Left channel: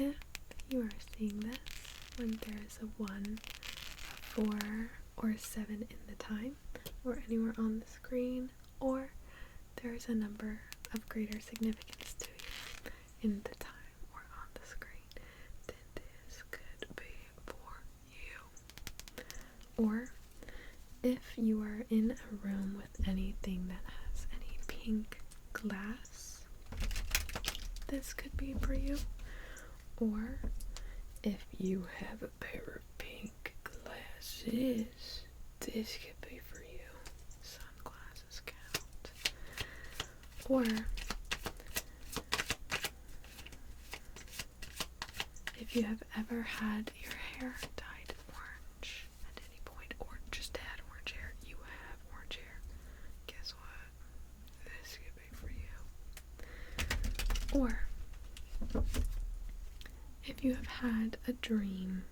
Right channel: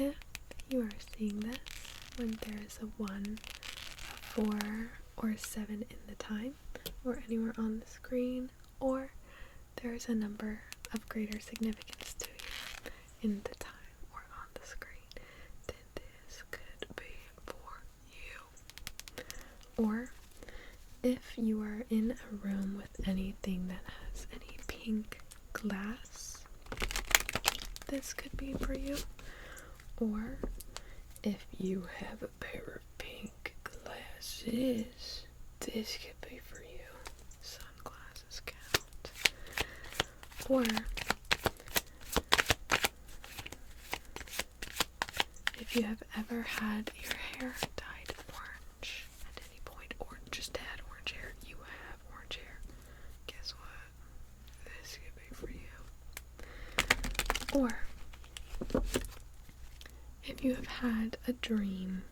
if you are seeing this when there is a 1, a 4, or a 7 in the time, or anywhere on the screen, or there is a number of greater significance to you in the time or on the screen, then this could be for you. Or if you are in a room with anything that has any pink glass, this could be for you. Or if you have a pair of pink glasses, this could be for you. Sunglasses count. Or if you have ever had your hair dyed orange at any point, or just had orange hair, you have orange hair, guess what? This could be for you. Or if you have had a dream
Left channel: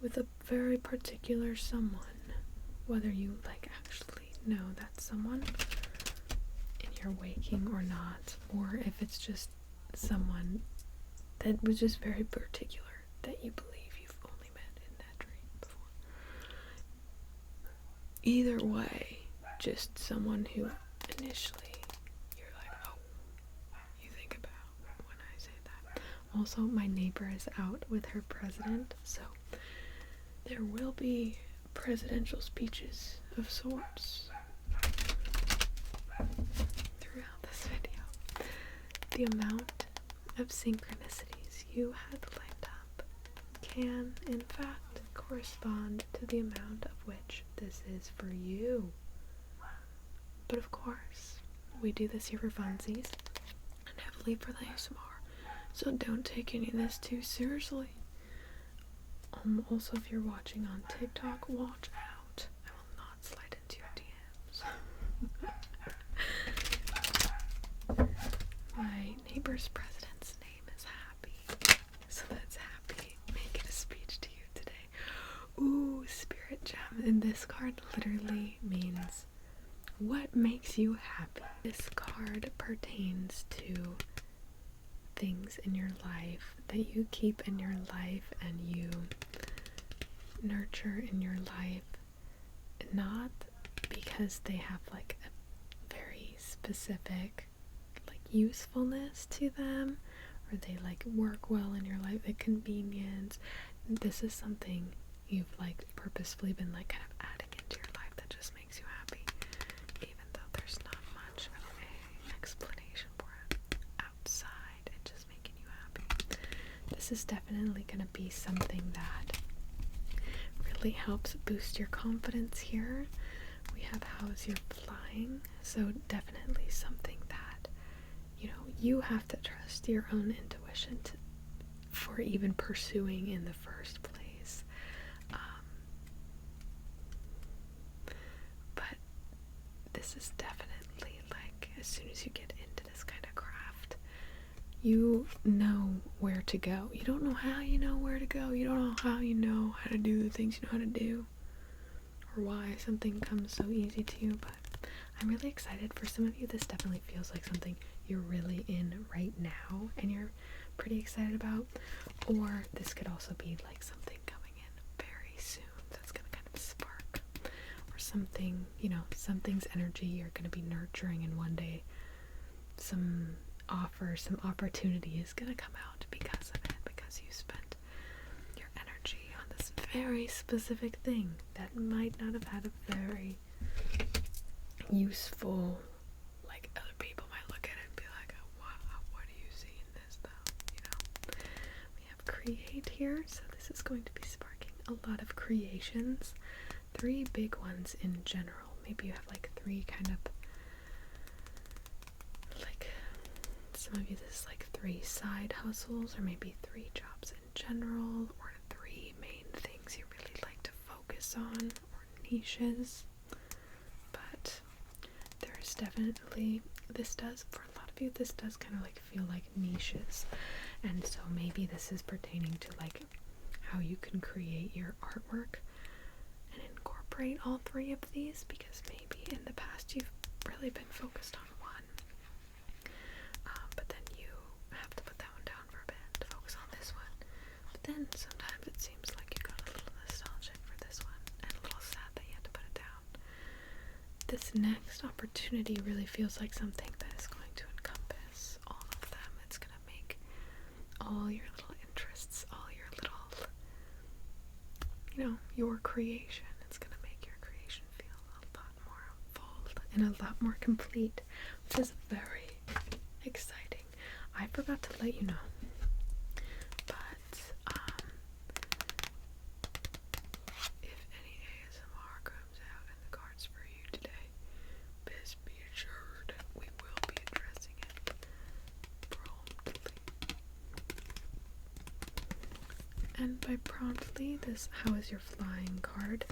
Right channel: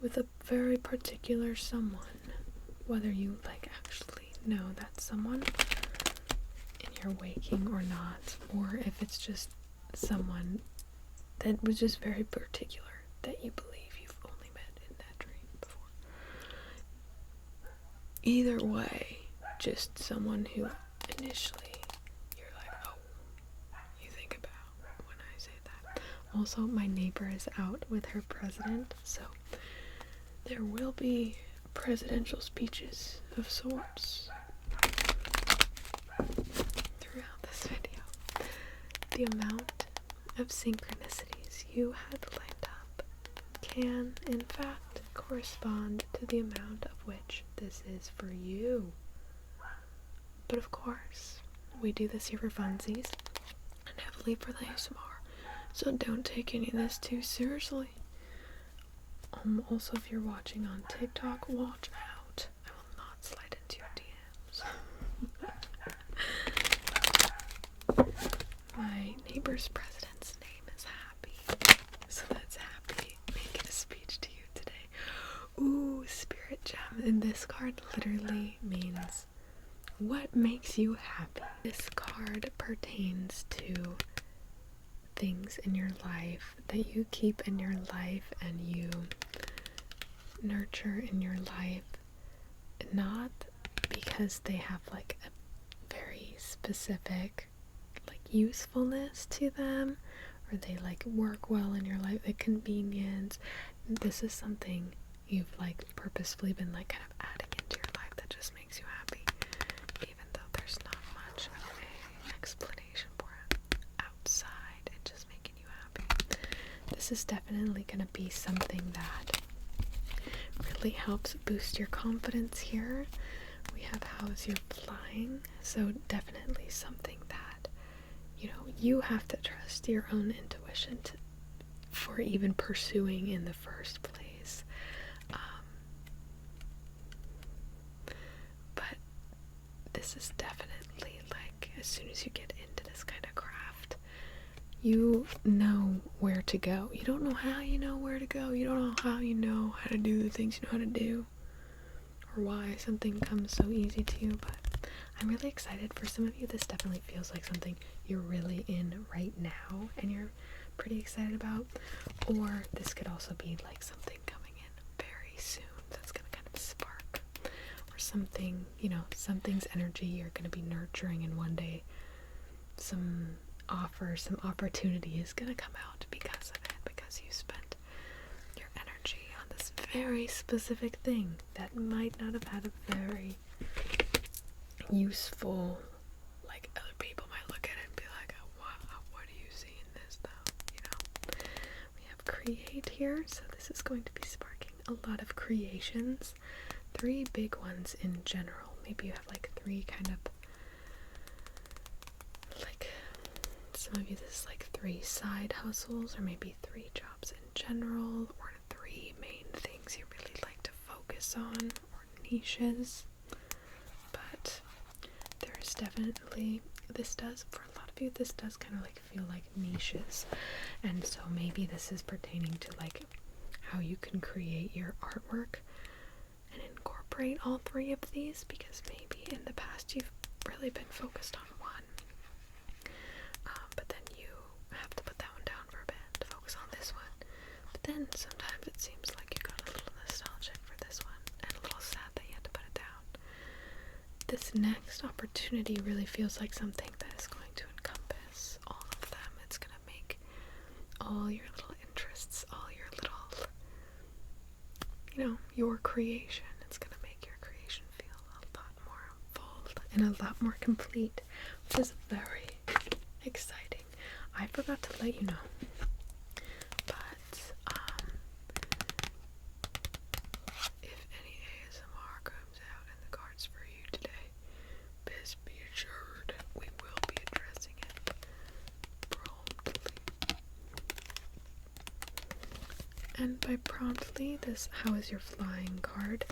with a very particular someone, whether you actually know that someone in your waking or not, or if it's just someone that was just very particular that you believe you've only met in that dream before. Either way, just someone who initially you're like, oh, you think about when I say that. Also, my neighbor is out with her president, so there will be presidential speeches of sorts throughout this video. The amount of synchronicities you had lined up can, in fact, correspond to the amount of which this is for you. But of course, we do this here for funsies and heavily for the ASMR, so don't take any of this too seriously. Also, if you're watching on TikTok, watch out. I will not slide into your DMs. My neighbor's president's name is Happy, so that's Happy making a speech to you today. Ooh, spirit gem. And this card literally means what makes you happy. This card pertains to things in your life that you keep in your life and you nurture in your life, not because they have a very specific usefulness to them, or they work well in your life, the convenience. This is something you've purposefully been kind of adding into your life that just makes you happy, even though there's not much of an explanation for it outside it just making you happy. This is definitely going to be something that really helps boost your confidence here. We have how's your flying, so definitely something that you have to trust your own intuition for even pursuing in the first place. But this is definitely as soon as you get into this kind of craft, you know where to go. You don't know how you know where to go. You don't know how you know how to do the things you know how to do, or why something comes so easy to you, but I'm really excited. For some of you, this definitely feels like something you're really in right now and you're pretty excited about, or this could also be something coming in very soon that's going to kind of spark, or something, something's energy you're going to be nurturing, and one day some opportunity is going to come out because of it, because you spent your energy on this very specific thing that might not have had a very useful, other people might look at it and be like, oh, wow, what do you see in this though, We have create here, so this is going to be sparking a lot of creations. 3 big ones in general. Maybe you have 3 kind of, some of you this is 3 side hustles, or maybe 3 jobs in general, or 3 main things you really like to focus on, or niches. But there's definitely, for a lot of you, this does kind of feel like niches, and so maybe this is pertaining to how you can create your artwork and incorporate all 3 of these, because maybe in the past you've really been focused on one, but then you have to put that one down for a bit to focus on this then sometimes it seems like you got a little nostalgic for this one and a little sad that you had to put it down. This next opportunity really feels like something that is going to encompass all of them. It's going to make all your little interests, all your little, your creation. It's going to make your creation feel a lot more full and a lot more complete, which is very exciting. I forgot to let you know, but if any ASMR comes out in the cards for you today, best be assured we will be addressing it promptly. And by promptly, this how is your flying card,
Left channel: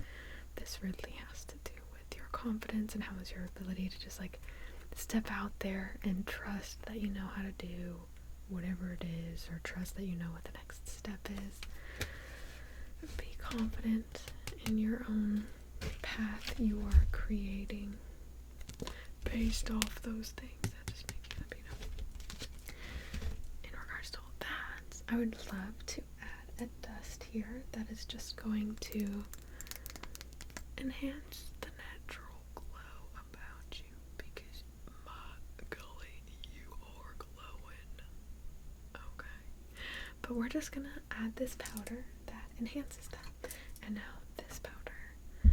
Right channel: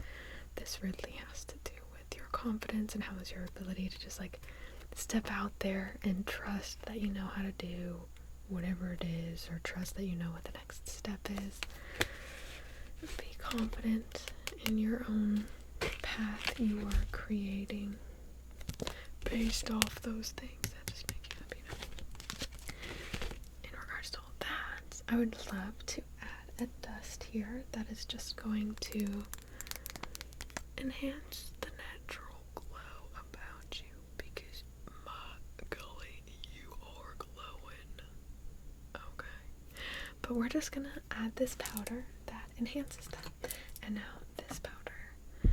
this really has to do with your confidence and how is your ability to just like step out there and trust that you know how to do whatever it is, or trust that you know what the next step is. Be confident in your own path you are creating based off those things that just make you happy. In regards to all that, I would love to add a dust here that is just going to enhance the natural glow about you, because my golly, you are glowing. Okay. But we're just gonna add this powder that enhances that. And now this powder,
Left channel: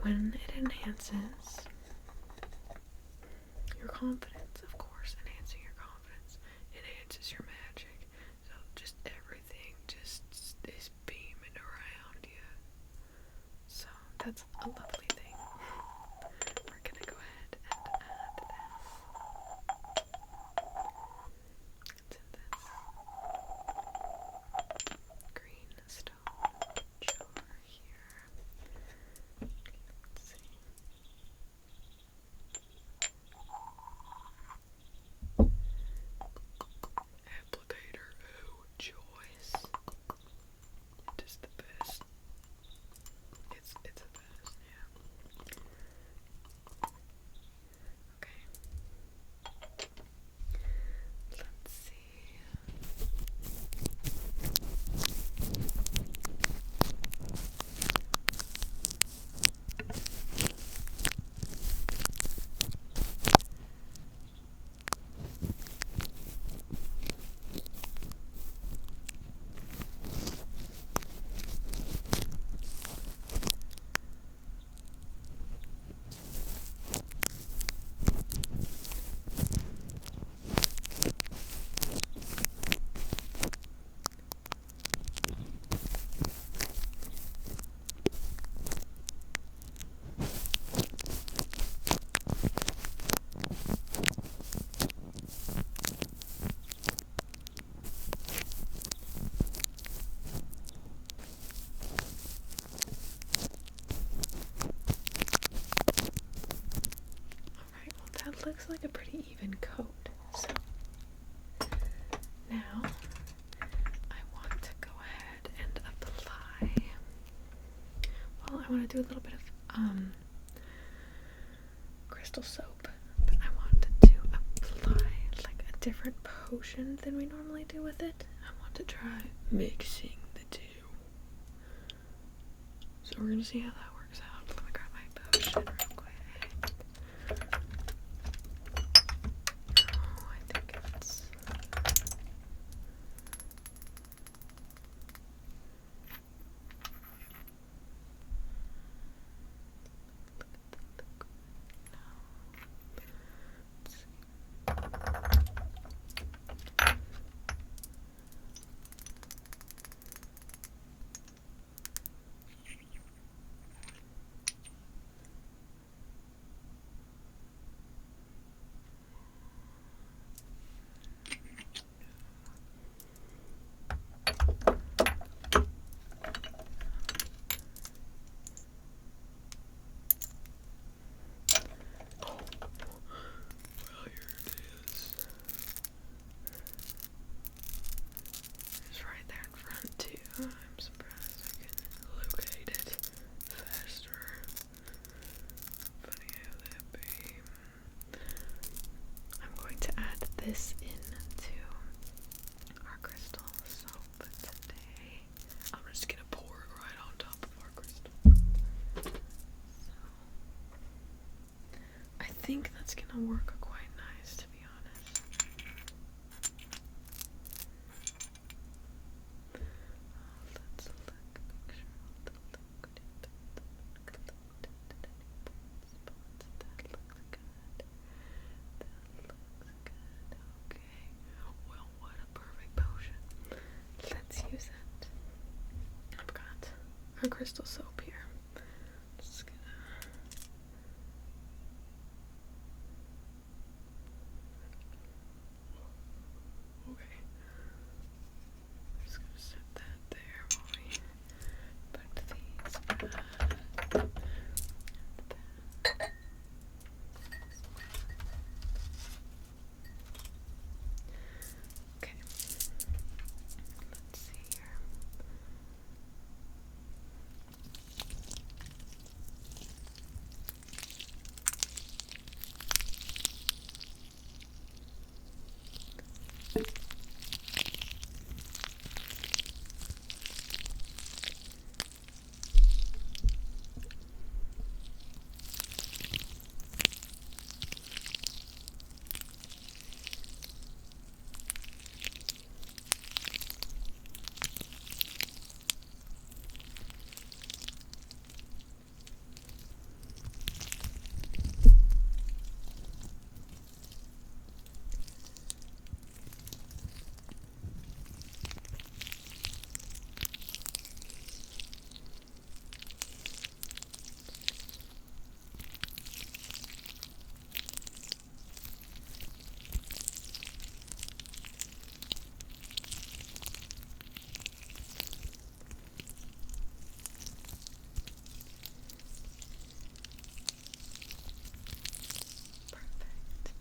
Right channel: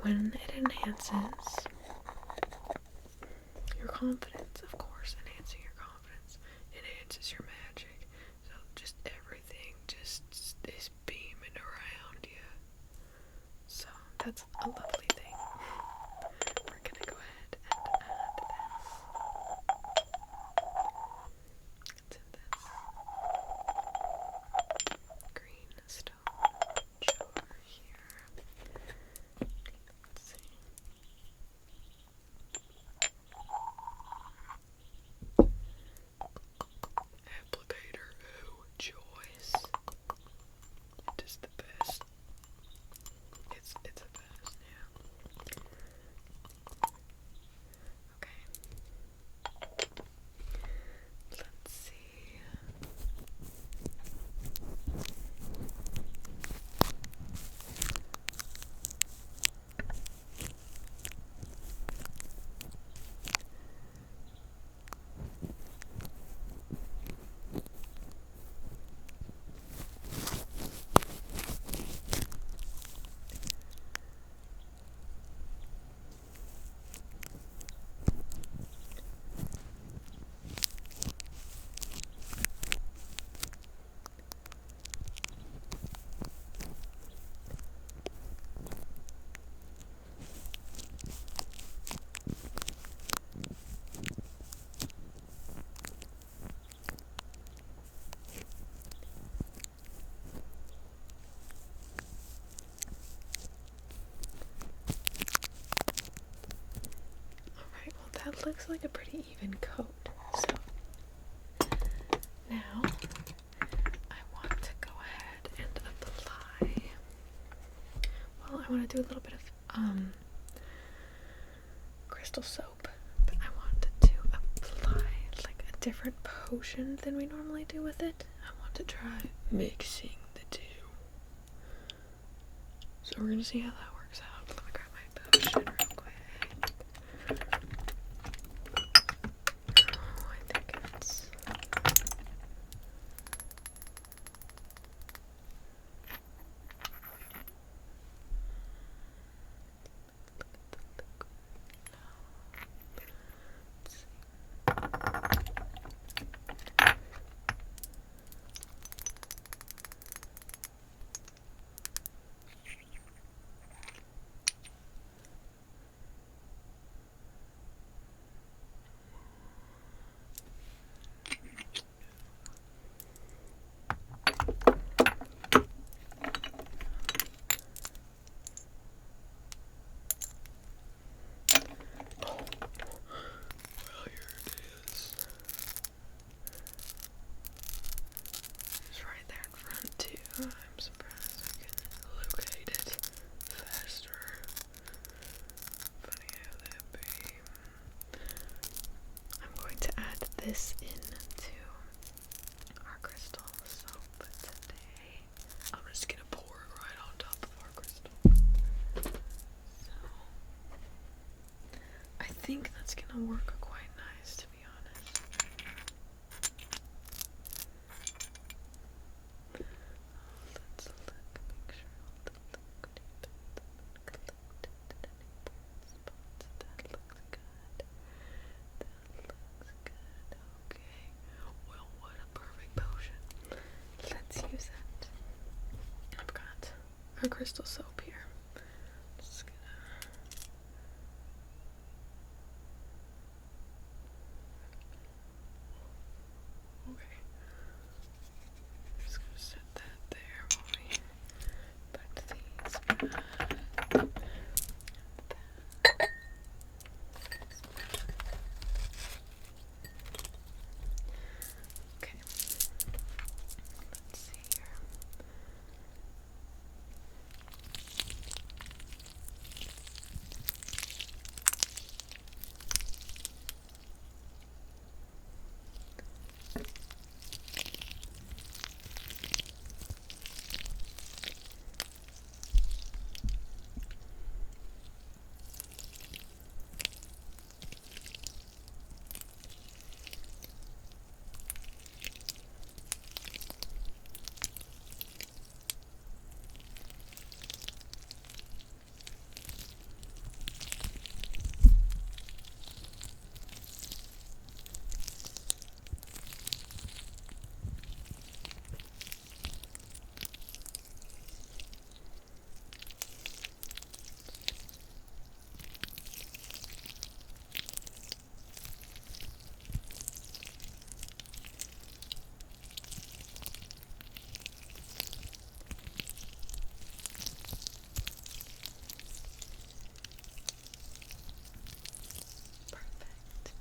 when it enhances your confidence, of course, enhancing your confidence, enhances your magic. So just everything just is beaming around you. So that's a lovely thing. We're gonna go ahead and add this. It's in this green stone jar here. Let's see. Applicator, oh choice. It is the best. It's the best, yeah. Okay. Let's see. Alright, well that looks like a pretty even coat. So now I want to go ahead and apply. Well, I want to do a little bit of crystal soap, but I wanted to apply like a different potion than we normally do with it. I want to try mixing the two. So we're gonna see how that works out. Let me grab my potion real quick. Oh, I think it's it's right there in front too. I'm surprised I can locate it faster. Funny how that be. I'm going to add this into our crystal soap. gonna work quite nice, to be honest. Let's look, make sure all the liquid collected at any point spots. That looks good. Okay. Well, what a perfect potion. Let's use it. I've got our crystal soap here. Just gonna okay. Just gonna set that there while we put these back. Okay. Let's see here. Perfect.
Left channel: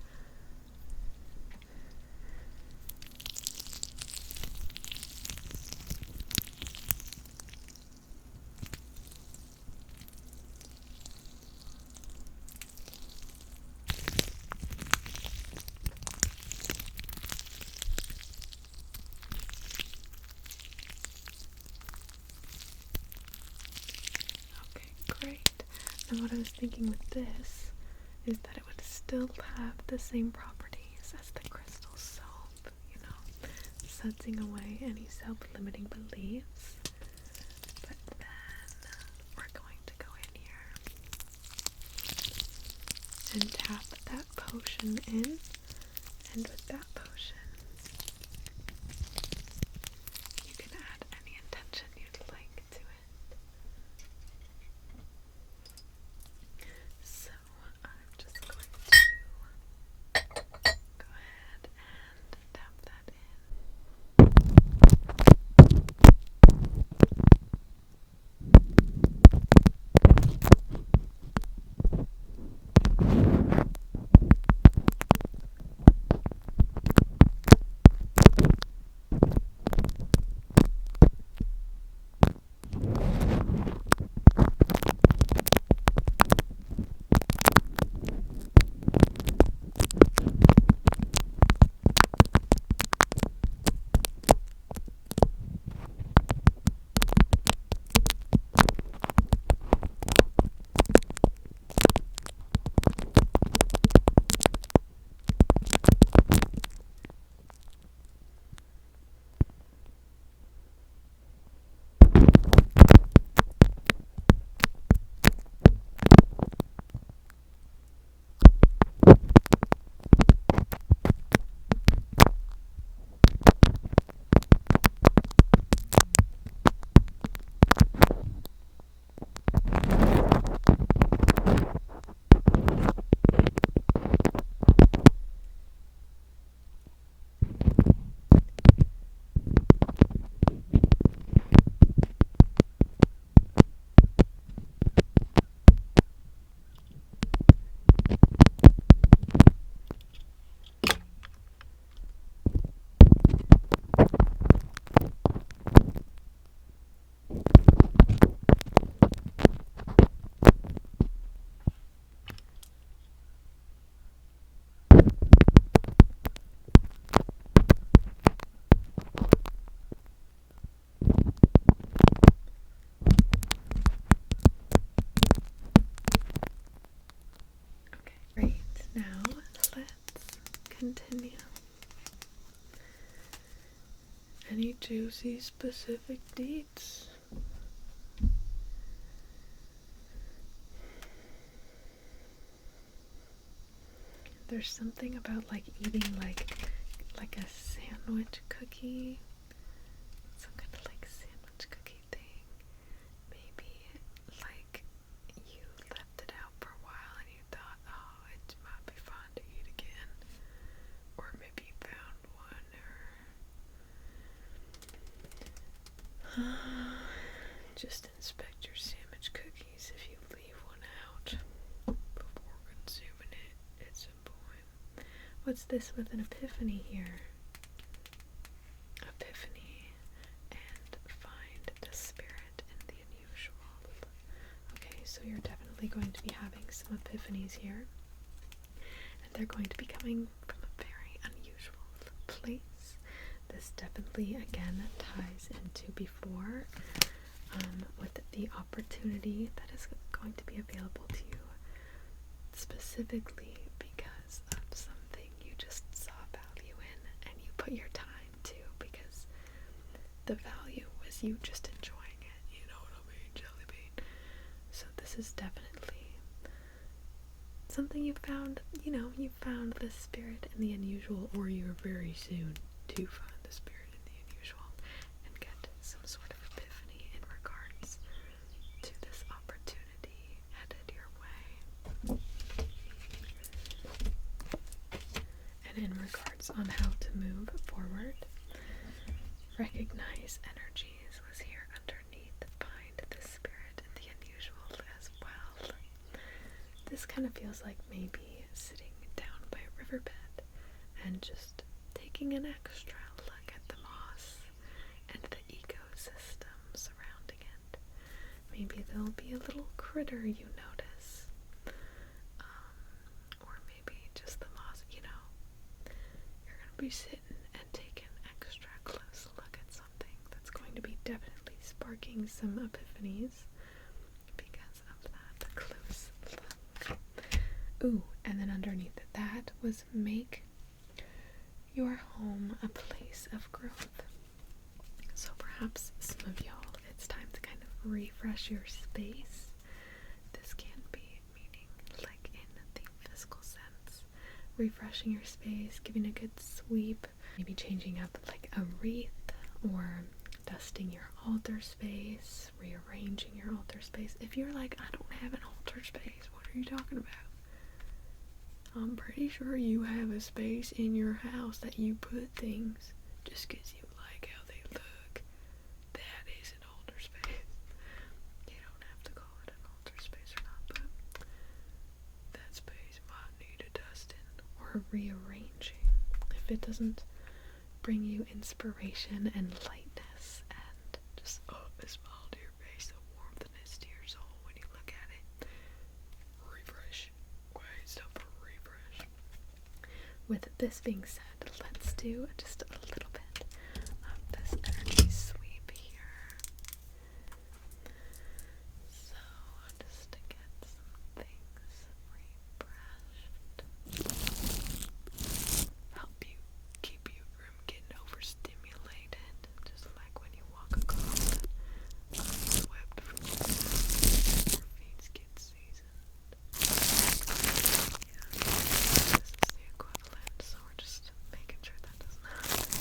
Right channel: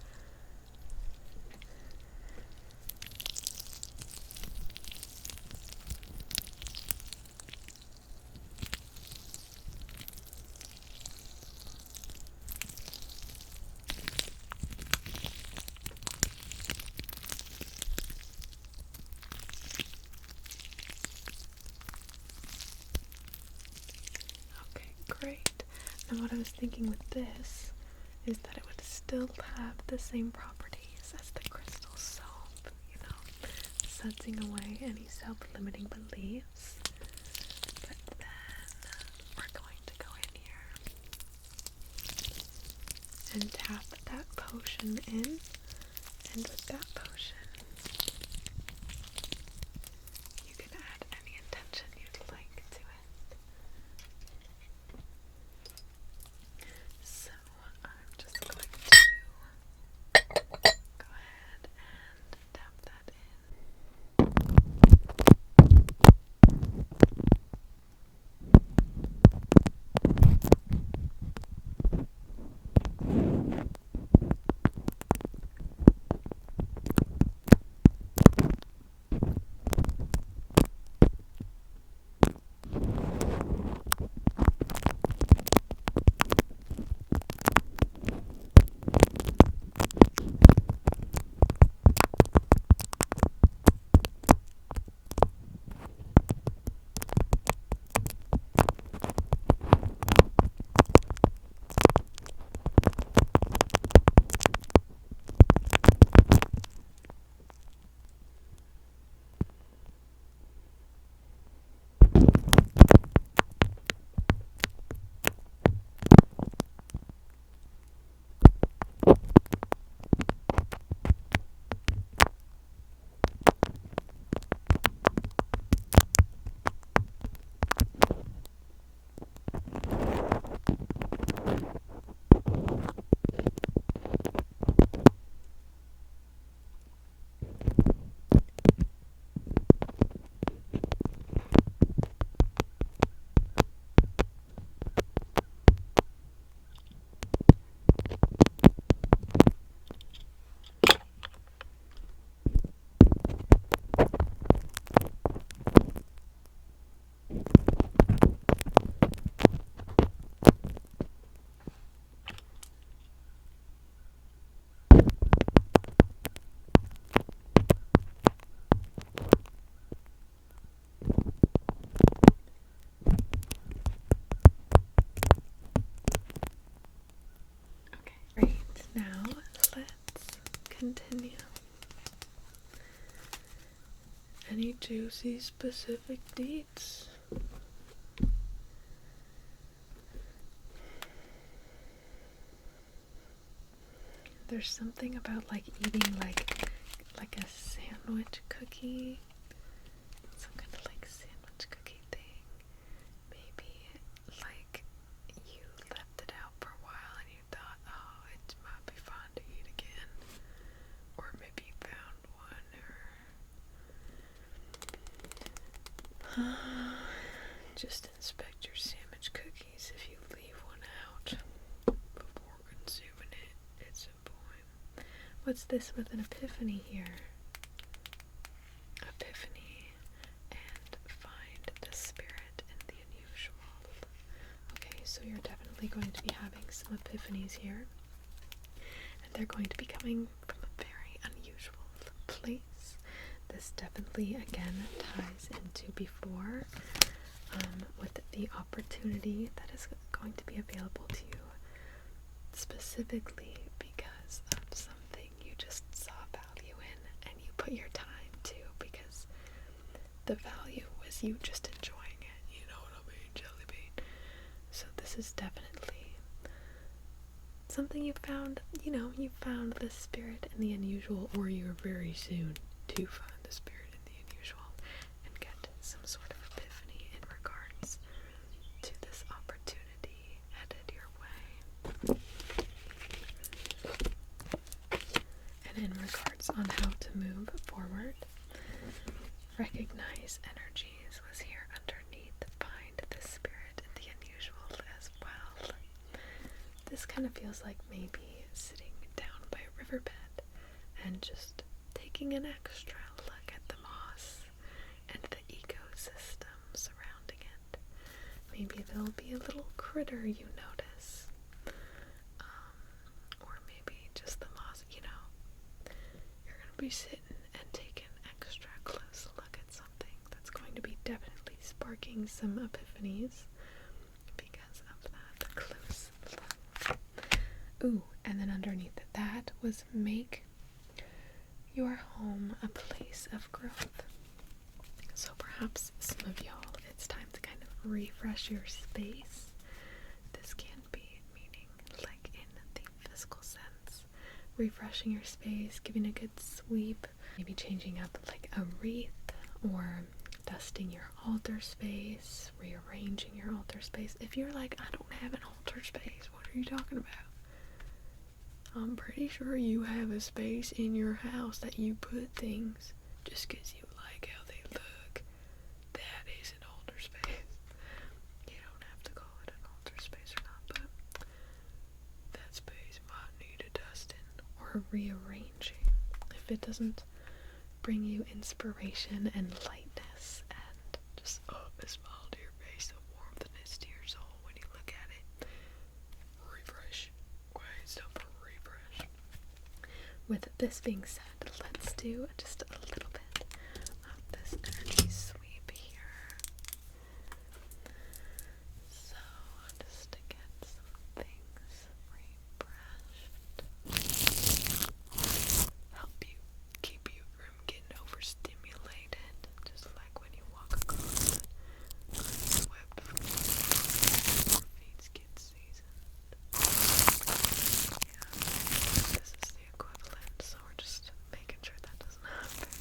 Okay, great. Now what I was thinking with this is that it would still have the same properties as the crystal soap, sudsing away any self-limiting beliefs. But then we're going to go in here and tap that potion in, and with that potion you can add any intention you'd like to it. So I'm just going to go ahead and tap that in. continue. Any juicy specific deets? There's something about like eating like a sandwich cookie, some kind of like sandwich cookie thing. Maybe like you left it out for a while and you thought, oh, it might be fun to eat again, or maybe you found one, or just inspect your sandwich cookies if you leave one out before consuming it. It's important. What's this with an epiphany here? Epiphany and find the spirit in the unusual. Okay, so you're definitely going to be having some epiphanies here. And they're going to be coming from a very unusual place. This definitely, again, ties into before with the opportunity that is going to be available to you specifically because of something you just saw value in and you put your time to, because the value was you just enjoying it, you know what I mean, jelly bean. So this is definitely something you found, you found the spirit in the unusual, or you're very soon to find the spirit in the unusual and get some sort of epiphany in regards to this opportunity headed your way. And in regards on how to move forward, recognize energies was here underneath. Find the spirit in the unusual as well. This kind of feels like maybe sitting down by a riverbed and just taking an extra look at the moss and the ecosystem surrounding it. Maybe there'll be a little critter you notice, or maybe just the moss, you're going to be sitting and taking an extra close look at something that's going to be definitely sparking some epiphanies because of that close look. Ooh, and then underneath that was make your home a place of growth. So perhaps some of y'all, it's time to kind of refresh your space. This can be meaning like in the physical sense, refreshing your space, giving a good sweep, maybe changing up like a wreath, or dusting your altar space, rearranging your altar space. If you're like, I don't have an altar space, what are you talking about? I'm pretty sure you have a space in your house that you put things just because you like how they look. That is an altar space. You don't have to call it an altar space or not, but that space might need a dusting or rearranging if it doesn't bring you inspiration and lightness and just a smile to your face, a warmthness to your soul when you look at it. Refresh. Wait, stop for refresh. With this being said, let's do just a little bit of this energy sweep here. So, just to get some things refreshed. Help you keep you from getting overstimulated, just like when you walk across it unswept from your feet get seasoned. Yeah, this is the equivalent, so we're just making sure that doesn't happen.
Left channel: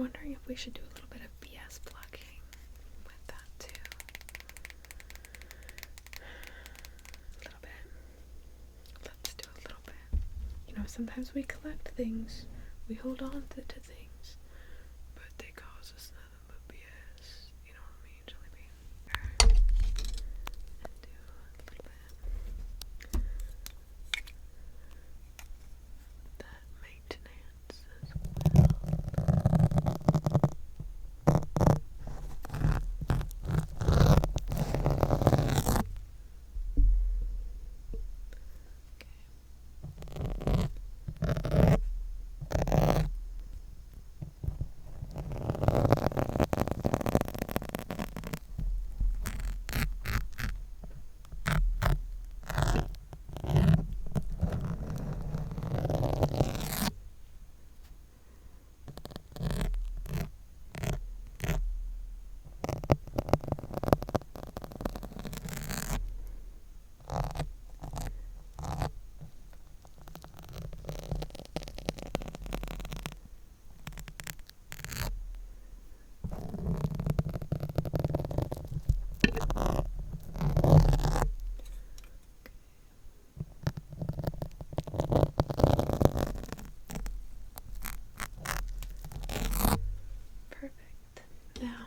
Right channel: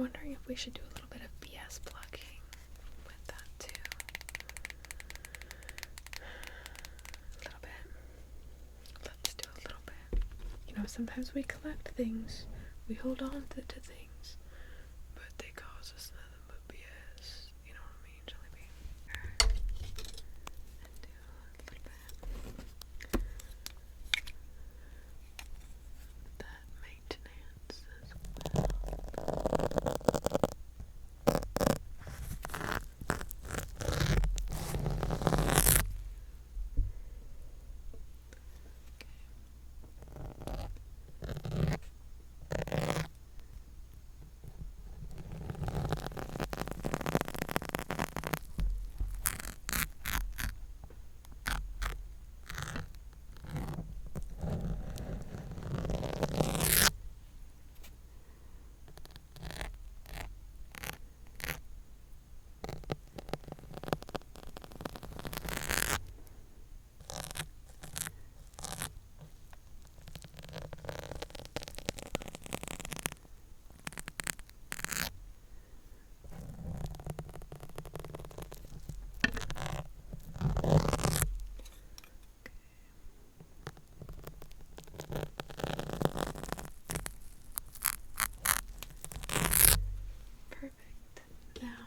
wondering if we should do a little bit of BS plugging with that too. A little bit. Let's do a little bit. You know, sometimes we collect things, we hold on to things, but they cause us nothing but BS. You know what I mean, Jelly Bean? And do a little bit of that maintenance as well. Perfect. Now,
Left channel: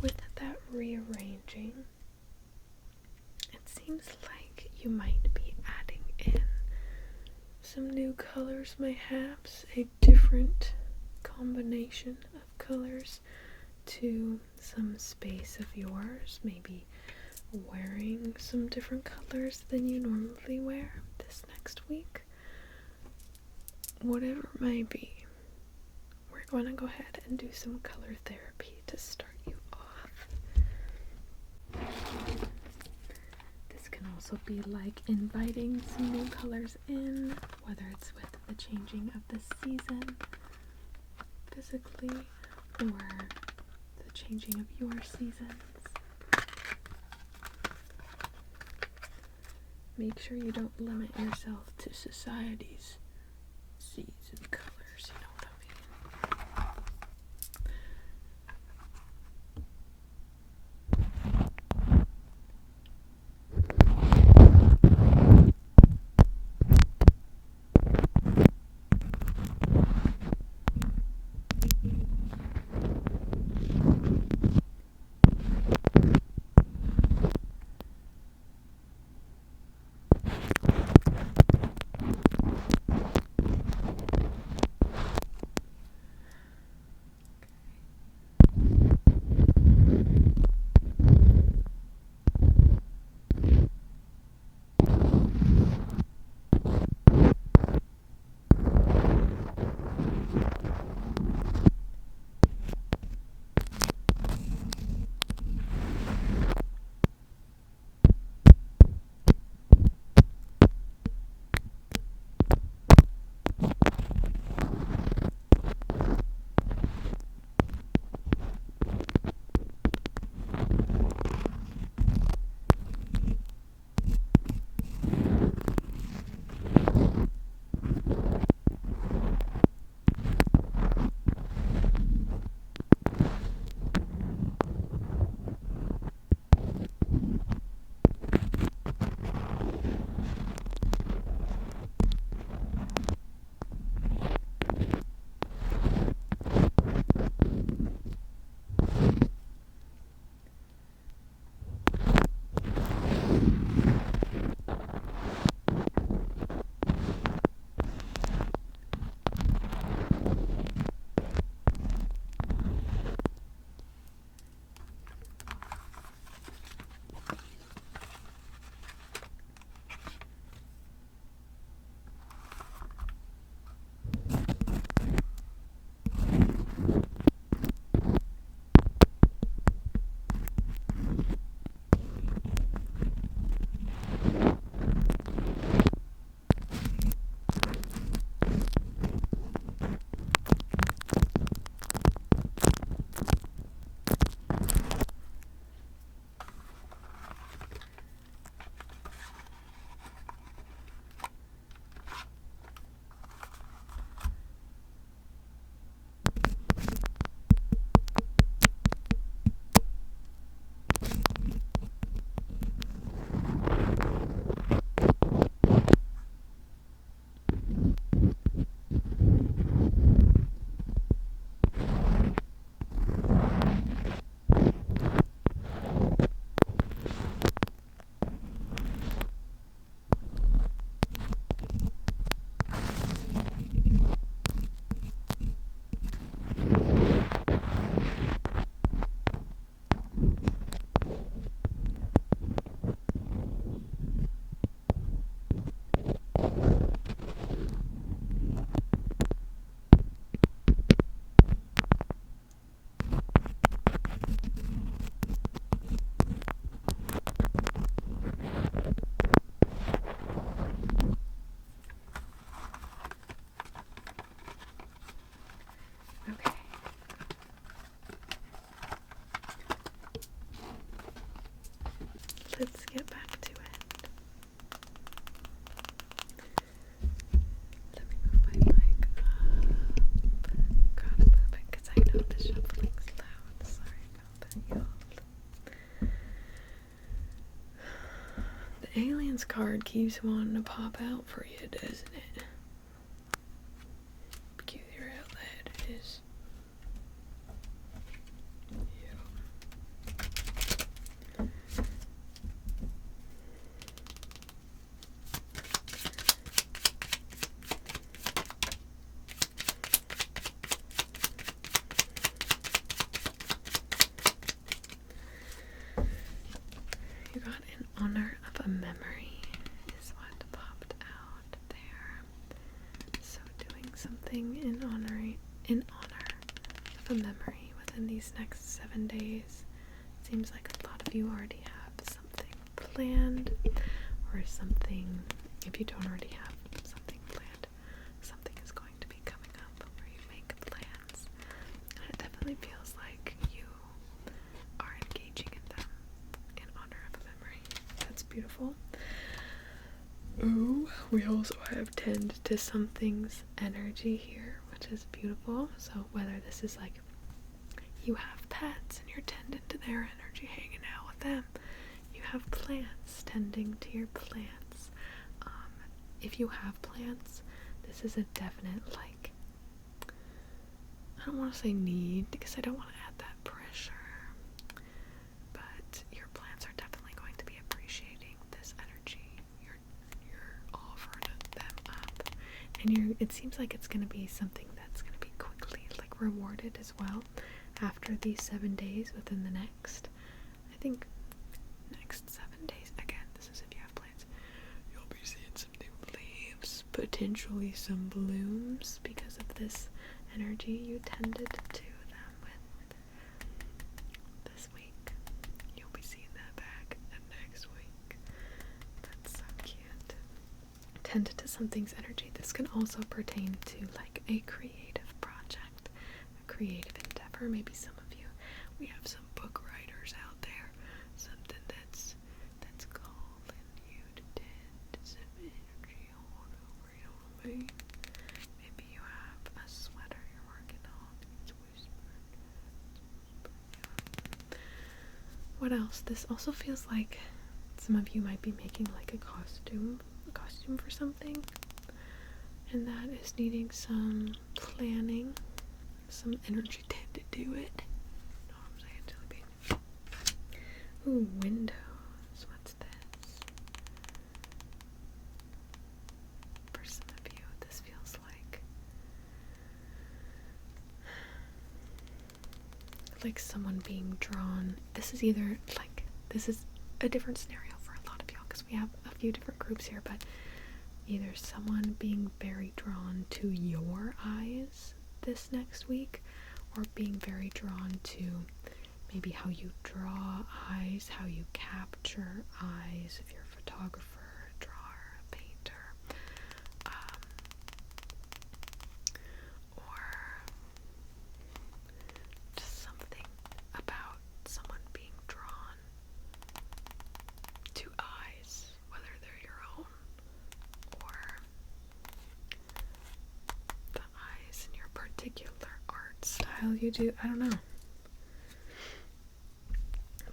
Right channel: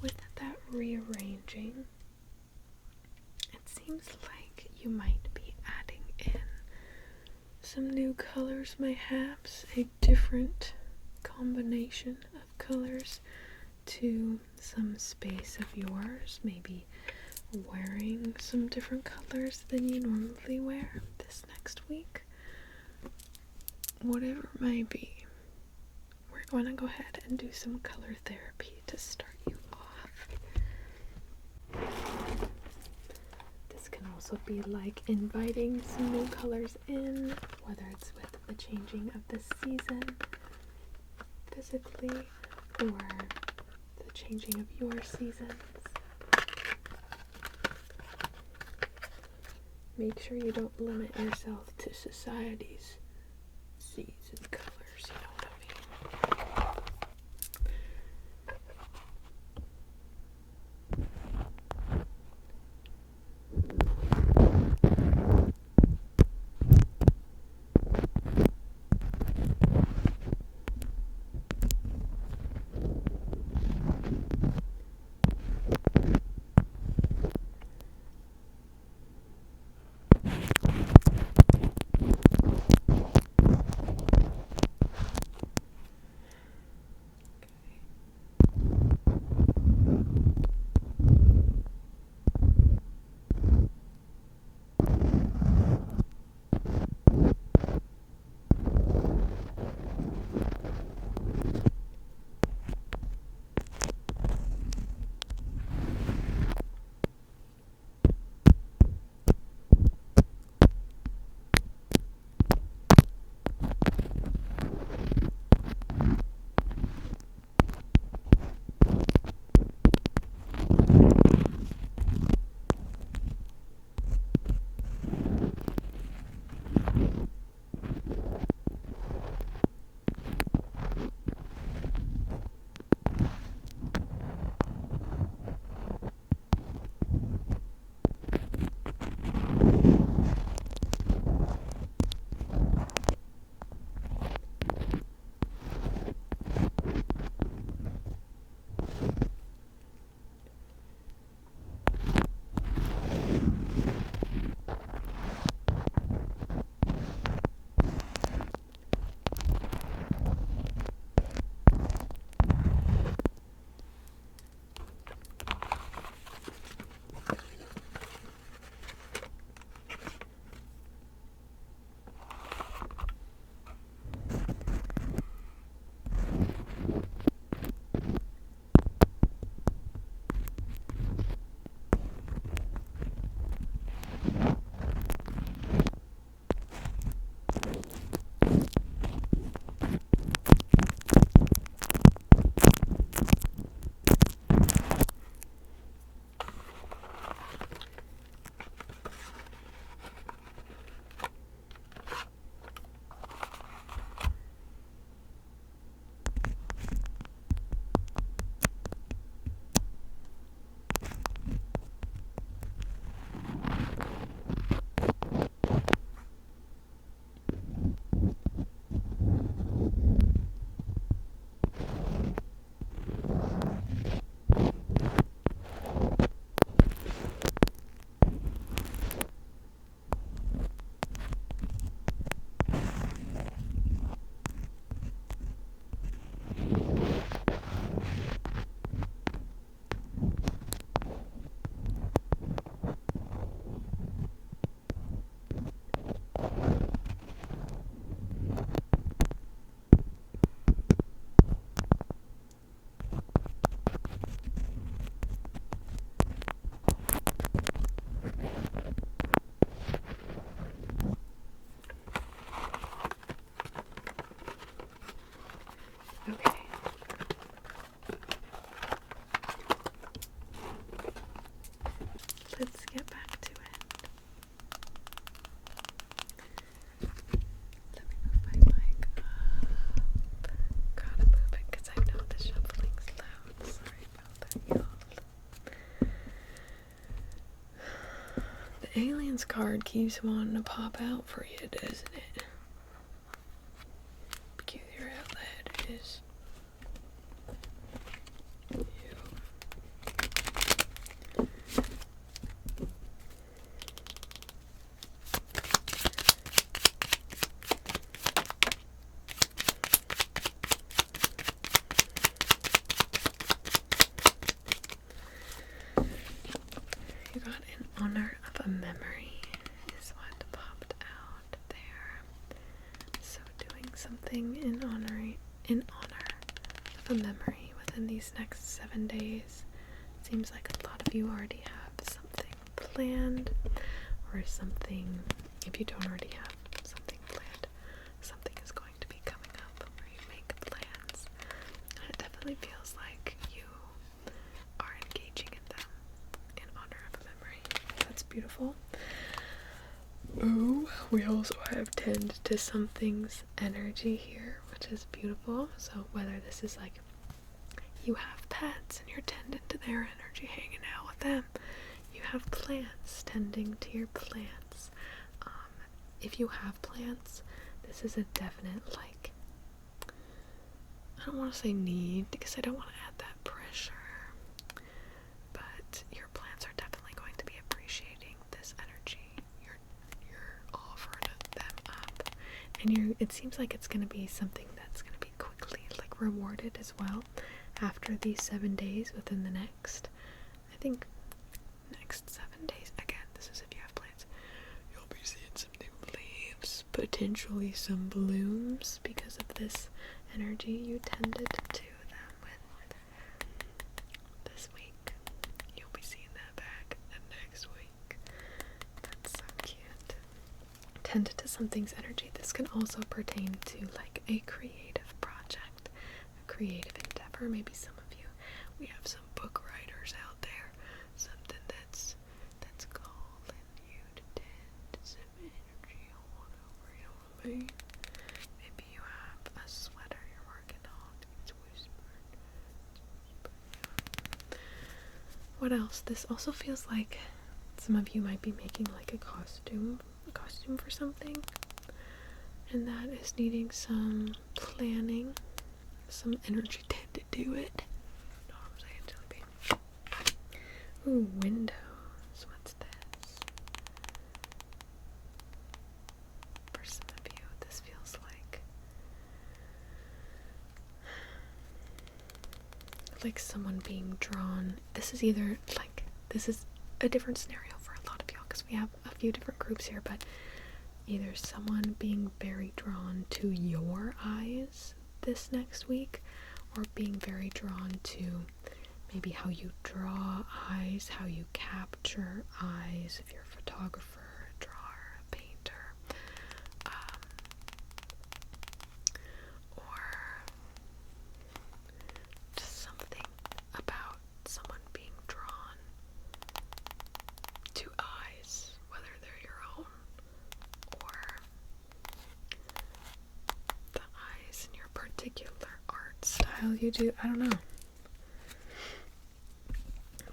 with that rearranging, it seems like you might be adding in some new colors, perhaps a different combination of colors to some space of yours, maybe wearing some different colors than you normally wear this next week. Whatever it may be, we're going to go ahead and do some color therapy to start you off. This can also be like inviting some new colors in, whether it's with the changing of the season physically or the changing of your seasons. Make sure you don't limit yourself to society's season colors, you know what I mean? aliens card keeps wanting to pop out for you, doesn't it? Peculiar outlet is you. You got in honor of a memory is what popped out there. So doing something in honor of a memory within these next 7 days. Seems like a lot of you already have something planned, or something, if you don't already have something planned, something is going to be coming up where you make plans. And it definitely feels like you are engaging in them in honor of a memory. That's beautiful. Ooh, we also have tend to something's energy here, which is beautiful. So whether this is like you have pets and you're tending to their energy, hanging out with them, you have plants, tending to your plants. If you have plants, this is a definite, like, I don't want to say need, because I don't want to add that pressure, but your plants are definitely going to be appreciating this energy. You're offering them up, and it seems like it's going to be something that's going to be quickly, like, rewarded as well after these 7 days. Within the next, I think, next 7 days, again, this is if you have plants, you'll be seeing some new leaves, potentially some blooms, because of this energy you tended to them with this week. You'll be seeing that back next week. That's so cute. Tended to something's energy. This can also pertain to like a creative project, a creative endeavor. Maybe some of you, we have some book writers out there, something that's calling you to tend to some energy all over, you know what I mean? Maybe you have a sweater you're working on, it's whispered. What else? This also feels like some of you might be making like a costume for something, and that is needing some planning, some energy to do it. Know what I'm saying, Jelly Bean? Ooh, windows. What's this? For some of you, this feels like someone being drawn. This is either like, this is a different scenario for a lot of y'all, because we have a few different groups here, but either someone being very drawn to your eyes this next week, or being very drawn to maybe how you draw eyes, how you capture eyes, if you're a photographer, a drawer, a painter, or just something about someone being drawn to eyes, whether they're your own or the eyes in your particular art style you do. I don't know.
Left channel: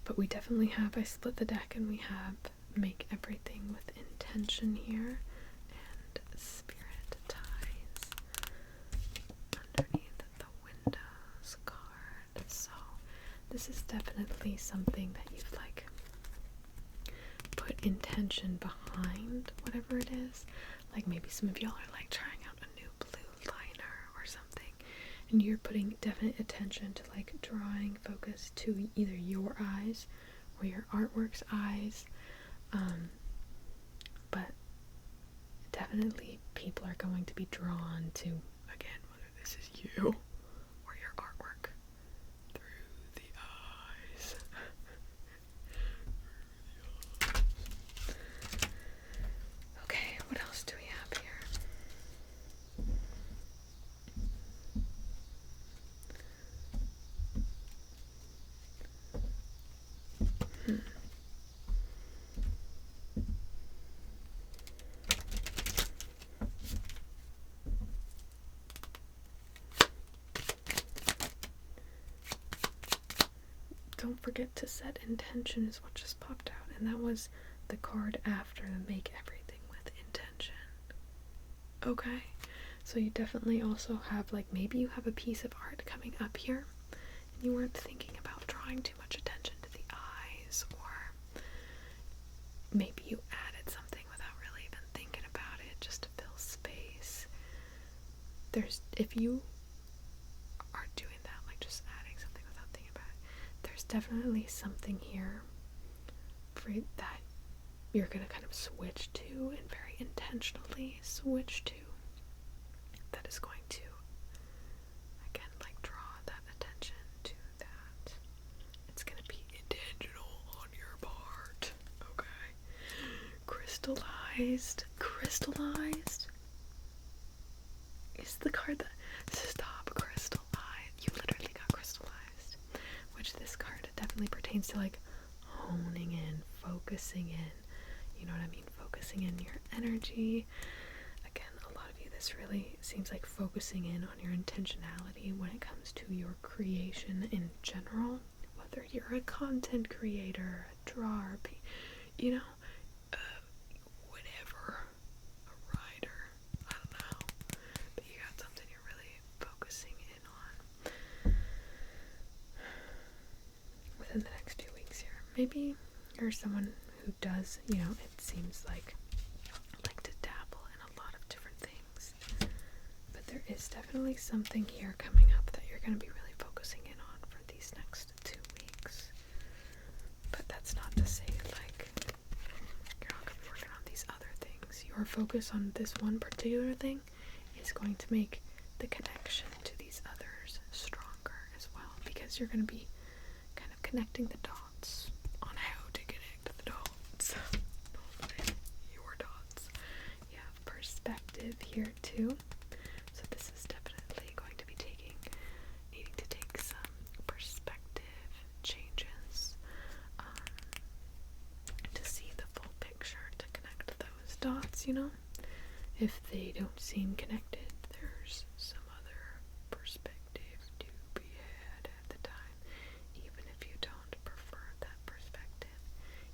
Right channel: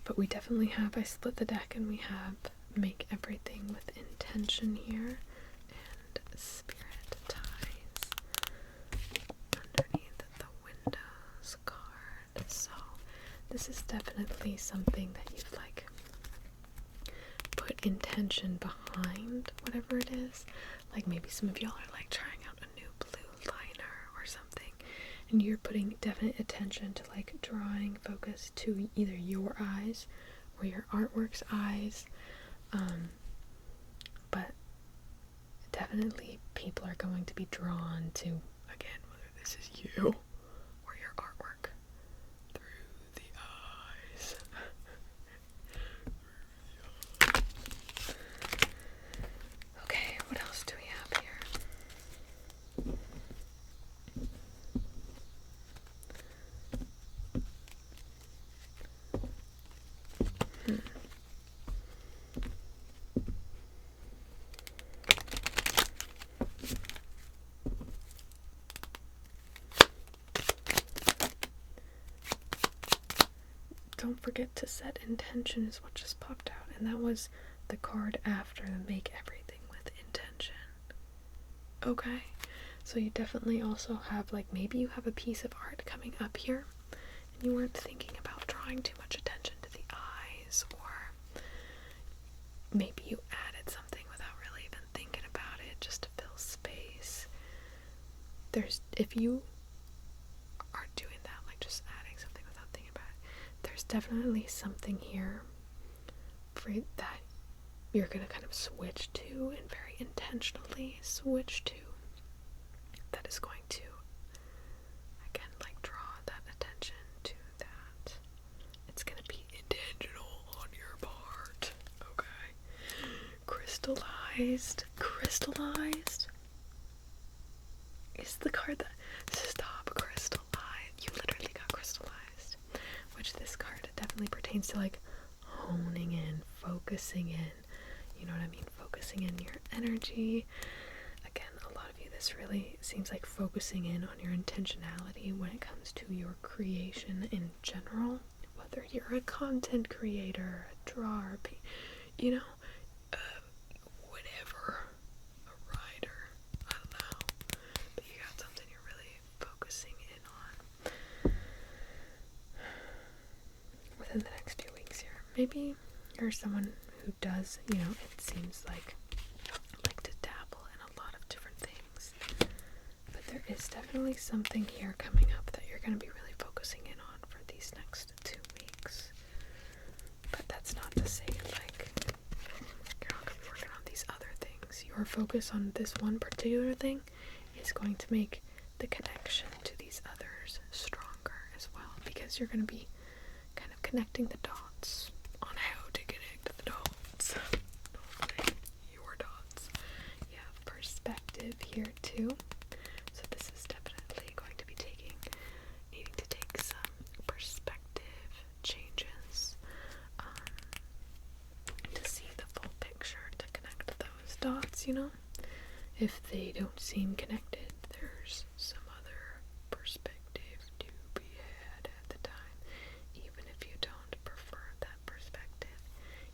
But we definitely have, I split the deck and we have make everything with intention here, and spirit ties underneath the windows card. So this is definitely something that you've like put intention behind whatever it is. Like maybe some of y'all are like trying out a new blue liner or something, and you're putting definite attention to like drawing focus to either your eyes or your artwork's eyes. But definitely people are going to be drawn to, again, whether this is you or your artwork, through the eyes. Okay, what else do we have here? Don't forget to set intention is what just popped out, and that was the card after and make everything with intention. Okay? So you definitely also have, like, maybe you have a piece of art coming up here and you weren't thinking about drawing too much attention to the eyes, or maybe you added something without really even thinking about it just to fill space. If you are doing that, like just adding something without thinking about it, there's definitely something here for that you're gonna kind of switch to, and very intentionally switch to, that is going to, again, like, draw that attention to that. It's gonna be intentional on your part, okay? Crystallized is the card that, stop, crystallized. You literally got crystallized, which this card definitely pertains to, like, honing in, focusing in, you know what I mean? Focusing in your energy. Again, a lot of you, this really seems like focusing in on your intentionality when it comes to your creation in general, whether you're a content creator, a drawer, you know, whatever, a writer, I don't know, but you got something you're really focusing in on within the next few weeks here. Maybe you're someone who does, you know, it seems like to dabble in a lot of different things, but there is definitely something here coming up that you're going to be really focusing in on for these next 2 weeks. But that's not to say, like, you're not going to be working on these other things. Your focus on this one particular thing is going to make the connection to these others stronger as well, because you're going to be kind of connecting the dots on how to connect the dots. Your dots. You have perspective here too. So this is definitely going to be needing to take some perspective changes to see the full picture, to connect those dots, you know? If they don't seem connected, there's some other perspective to be had at the time. Even if you don't prefer that perspective,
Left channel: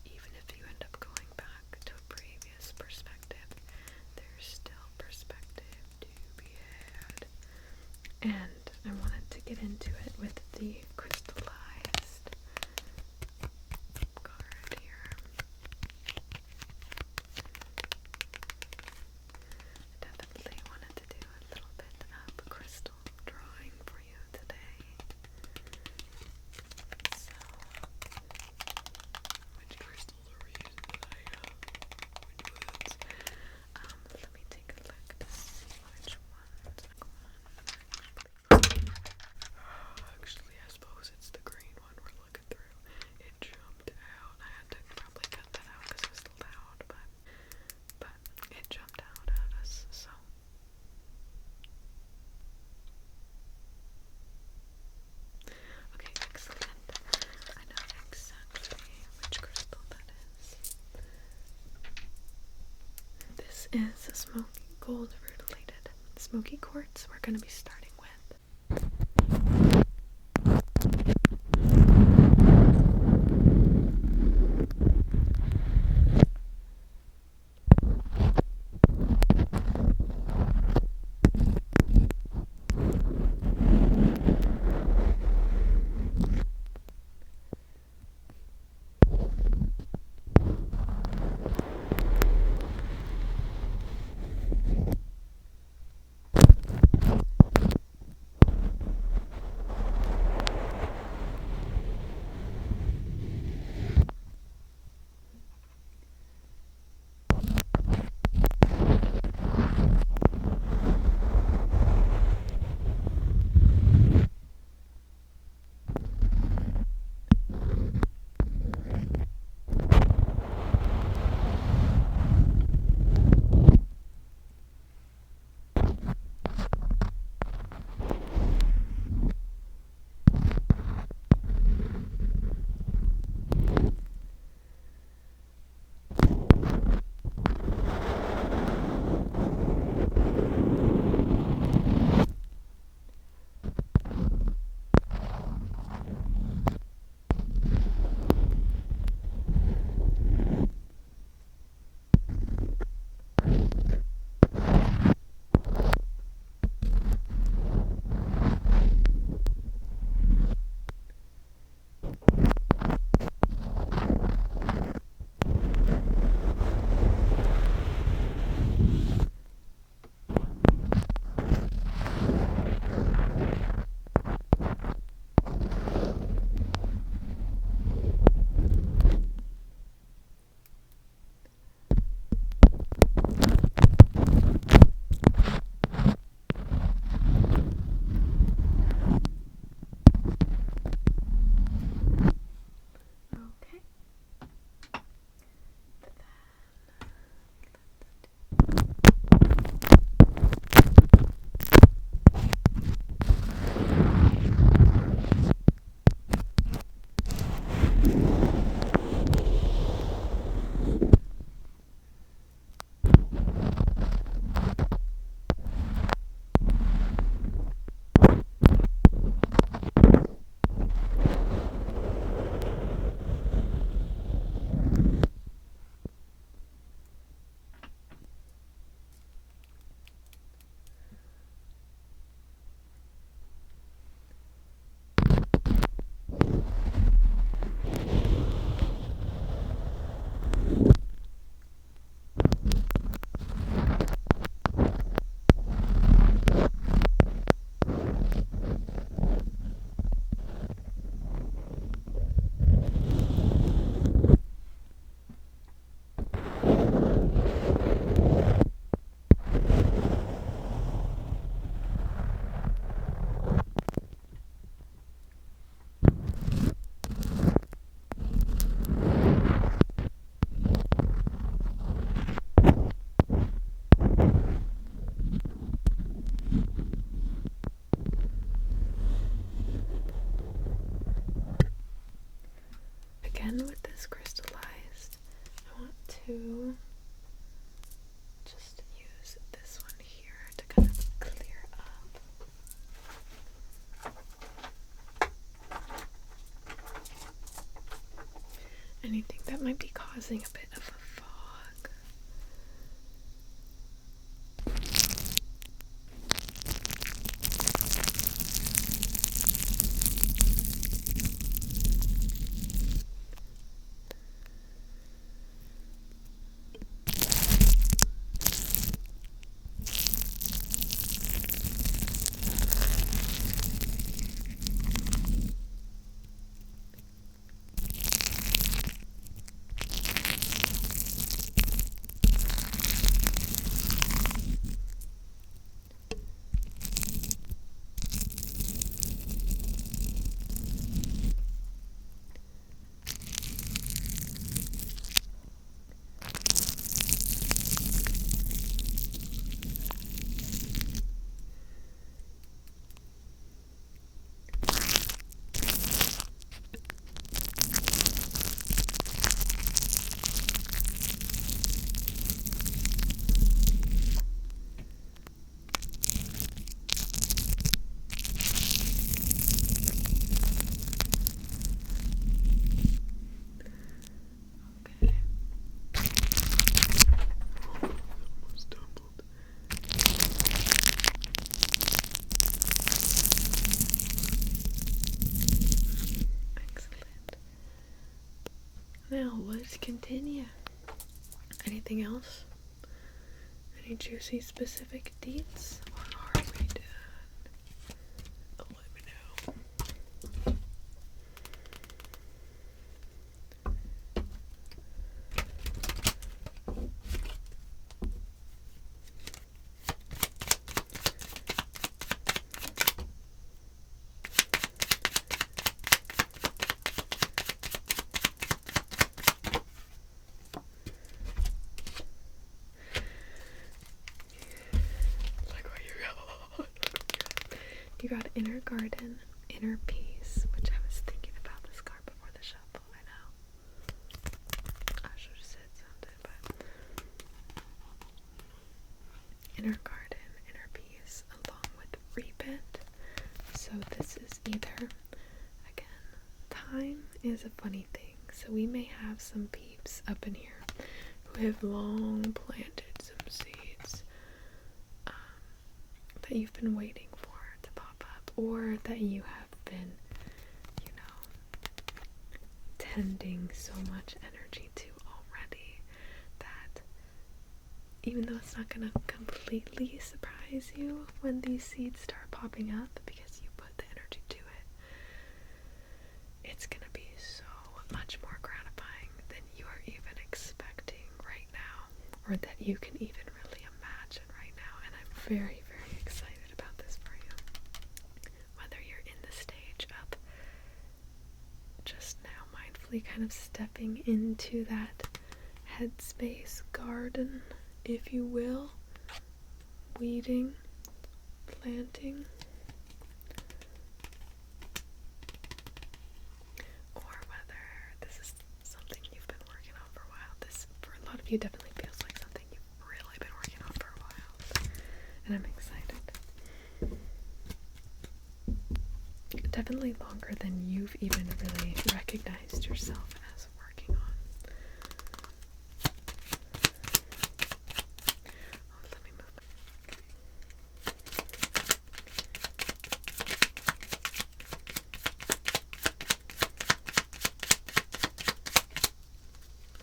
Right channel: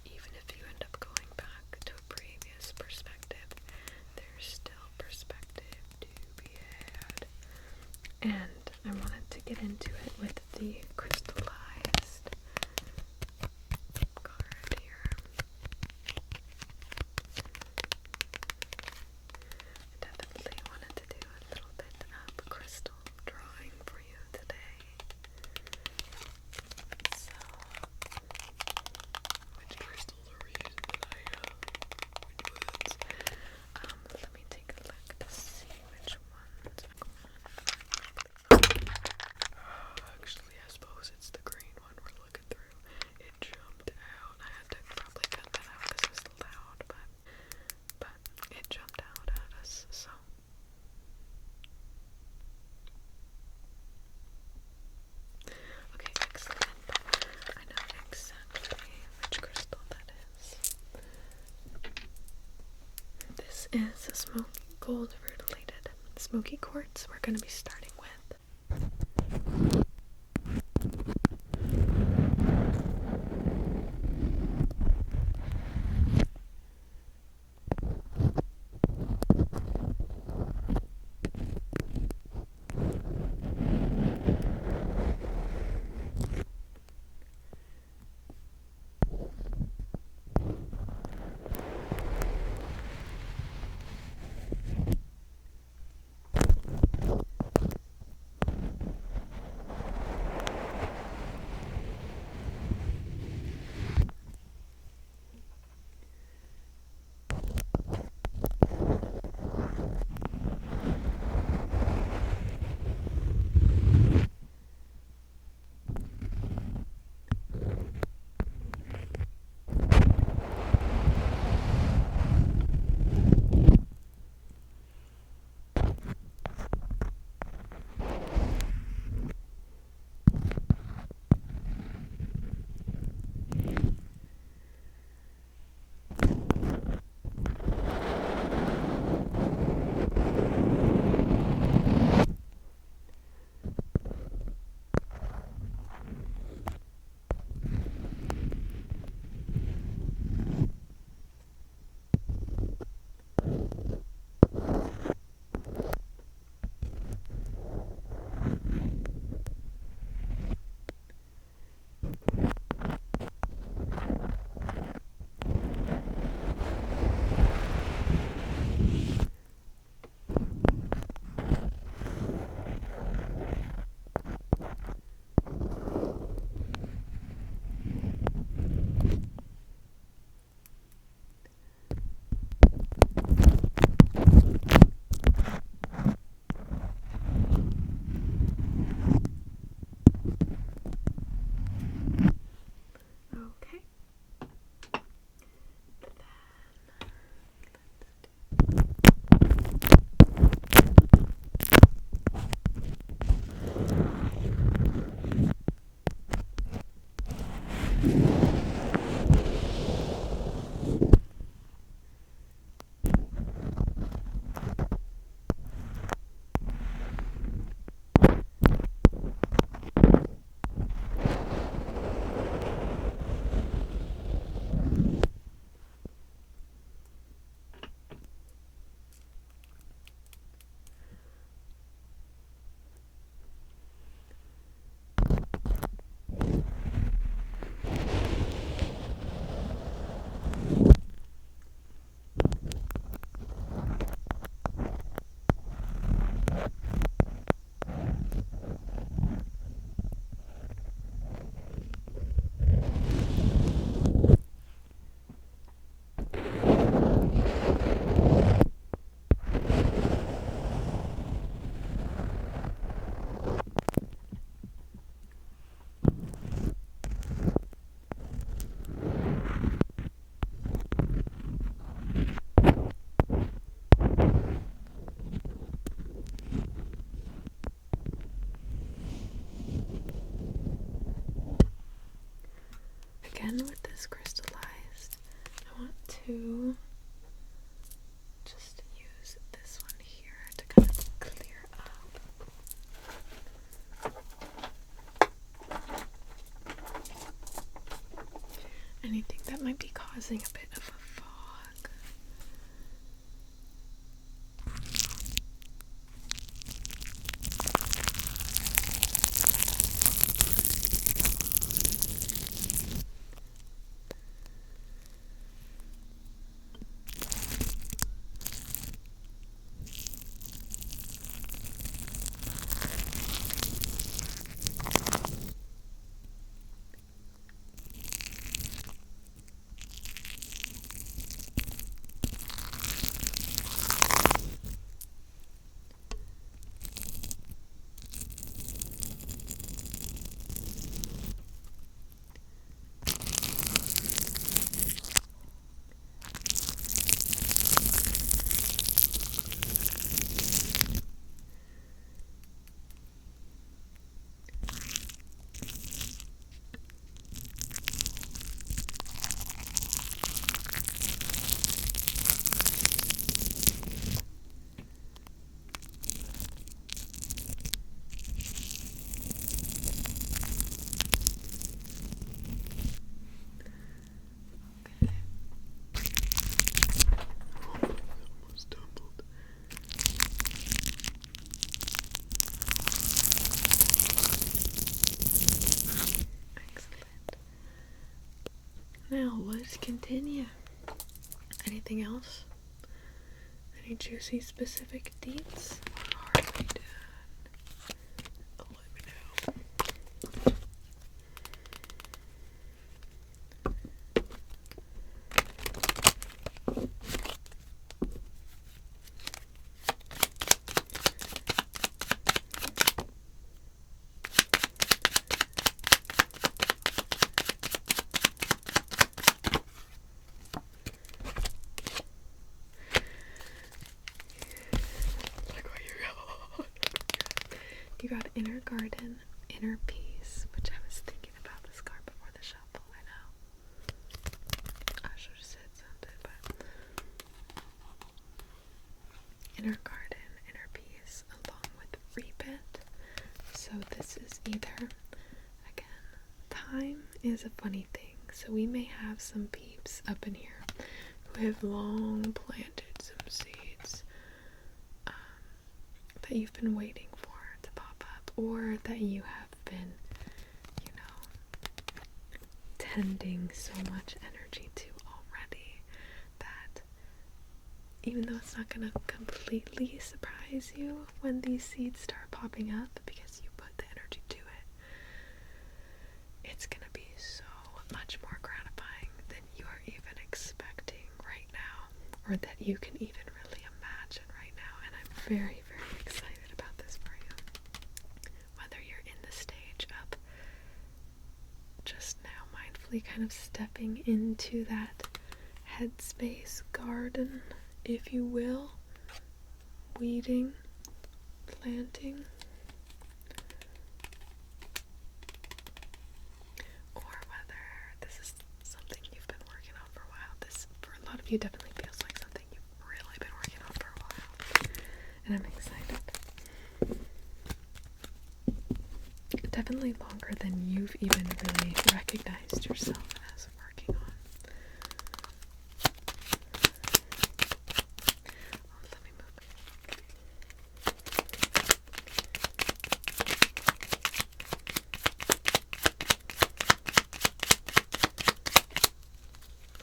even if you end up going back to a previous perspective, there's still perspective to be had. And I wanted to get into it with the crystallized card here. I definitely wanted to do a little bit of crystal drawing for you today. So, which crystals are we using today? Which ones? Let me take a look to see which ones are going on. Actually, I suppose it's the green one we're looking through. It jumped out. I had to probably cut that out because it was loud, but it jumped out at us, so. Okay, excellent. I know exactly which crystal that is. This is a smoky gold rutilated smoky quartz we're going to be starting with. causing a bit of a fog. Now, let's continue. Anything else? Any juicy specific deets? Or are we done? Let me know. You got Inner Garden, Inner Peace, which I was thinking about this card before the shuffle. I know. I should have said something, but Inner Garden, Inner Peace, along with Repent. So this is either, again, time is a funny thing. So we may have some peeps up in here who have long planted some seeds that you've been waiting for to pop up, or that you have been, tending so much energy to already that even though it's not gonna completely surprise you when these seeds start popping up because you put the energy to it, it's gonna be so much more gratifying than you are even expecting right now, or that you can even really imagine right now. And I'm very, very excited about this for you. Whether you're in the stage of just now mindfully kind of stepping into that headspace garden, if you will, weeding, planting, or whether this is something you've been working on for a while. This, for a lot of you, definitely feels like something you've really been working on for a while, and I'm excited. Definitely longer than you've even really recognized yourself as working on. Oh, let me move.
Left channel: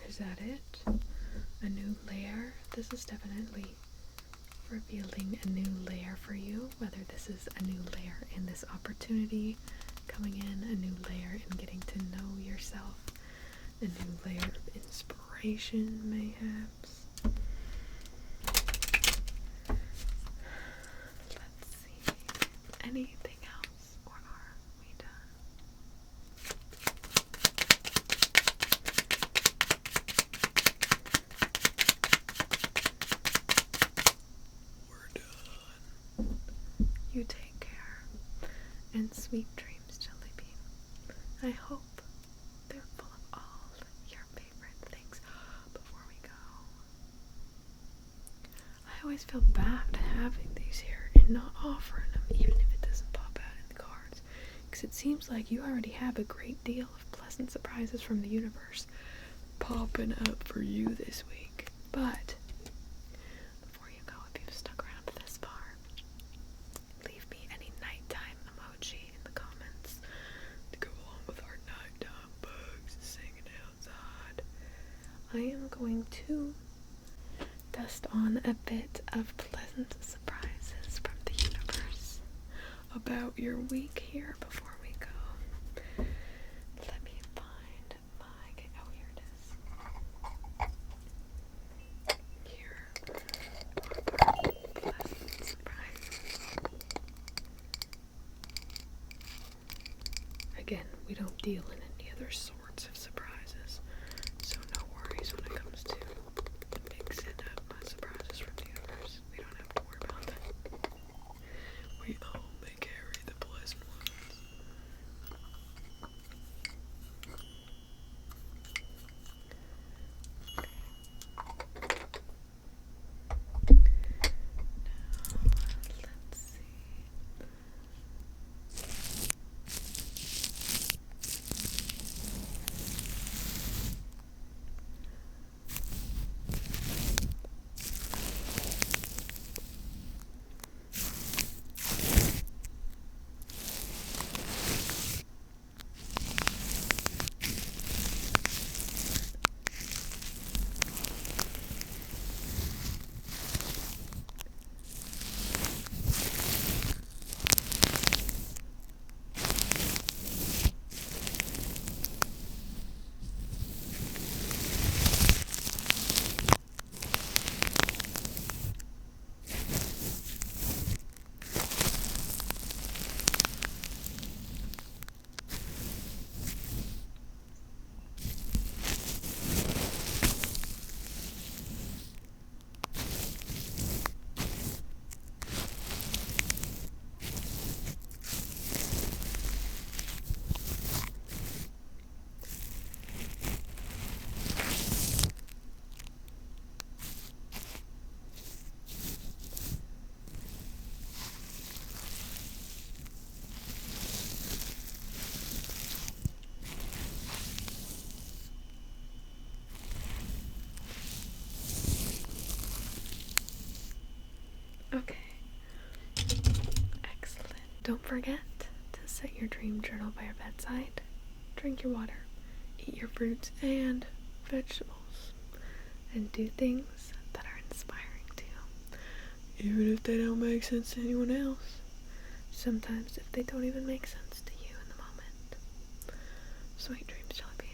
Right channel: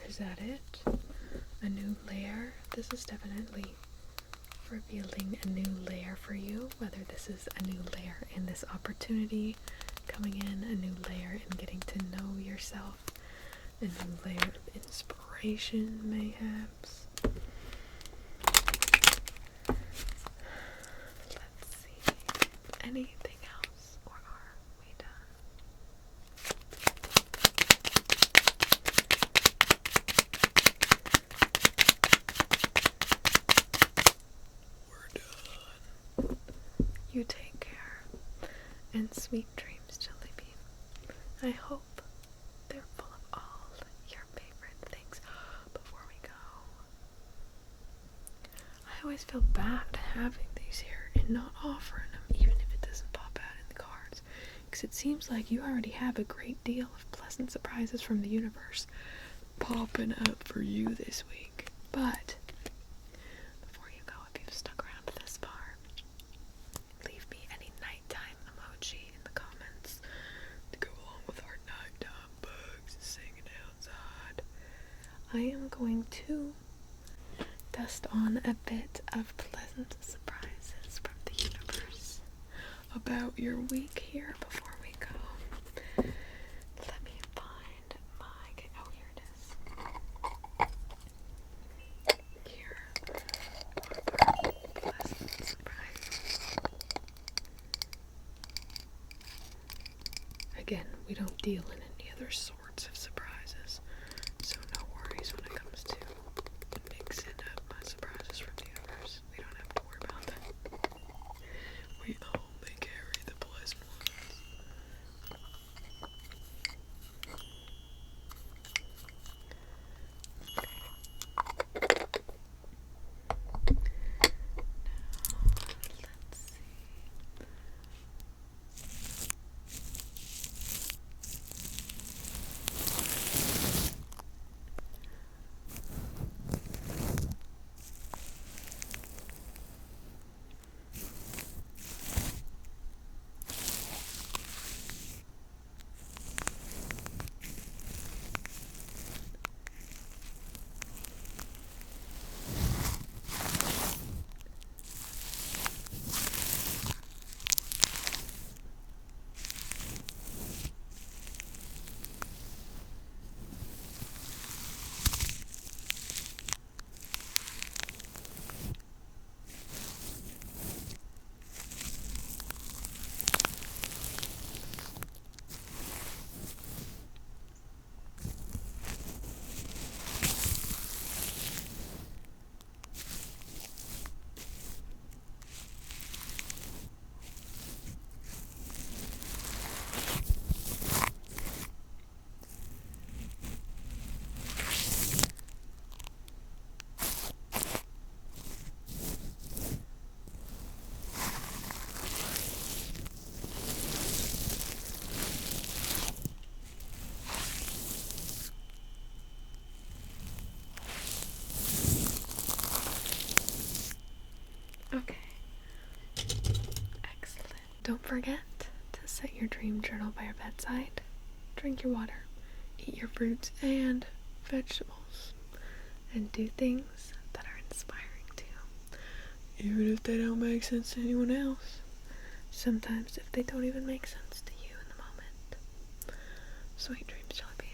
Is that it? A new layer? This is definitely revealing a new layer for you, whether this is a new layer in this opportunity coming in, a new layer in getting to know yourself, a new layer of inspiration, mayhaps. Let's see. Anything else, or are we done? We're done. You take care, and sweet dreams, Jellybean. I hope they're full of all your favorite things. Before we go, I always feel bad having these here and not offering them, even if it doesn't pop out in the cards, because it seems like you already have a great deal of pleasant surprises from the universe popping up for you this week. But before you go, if you've stuck around this far, leave me any nighttime emoji in the comments to go along with our nighttime bugs singing outside. I am going to dust on a bit of pleasant surprises from the universe about your week here before we go. Let me find my... Oh, here it is. Here are our pleasant surprises. Again, we don't deal in any other sorts of surprises, so no worries when it comes to mixing up my surprises from the universe. We don't have to worry about that. We only carry the pleasant ones. Now, let's see. Okay. Excellent. Don't forget to set your dream journal by your bedside. Drink your water. Eat your fruits and vegetables. And do things that are inspiring to you. Even if they don't make sense to anyone else. Sometimes if they don't even make sense to you in the moment. Sweet dreams, Jelly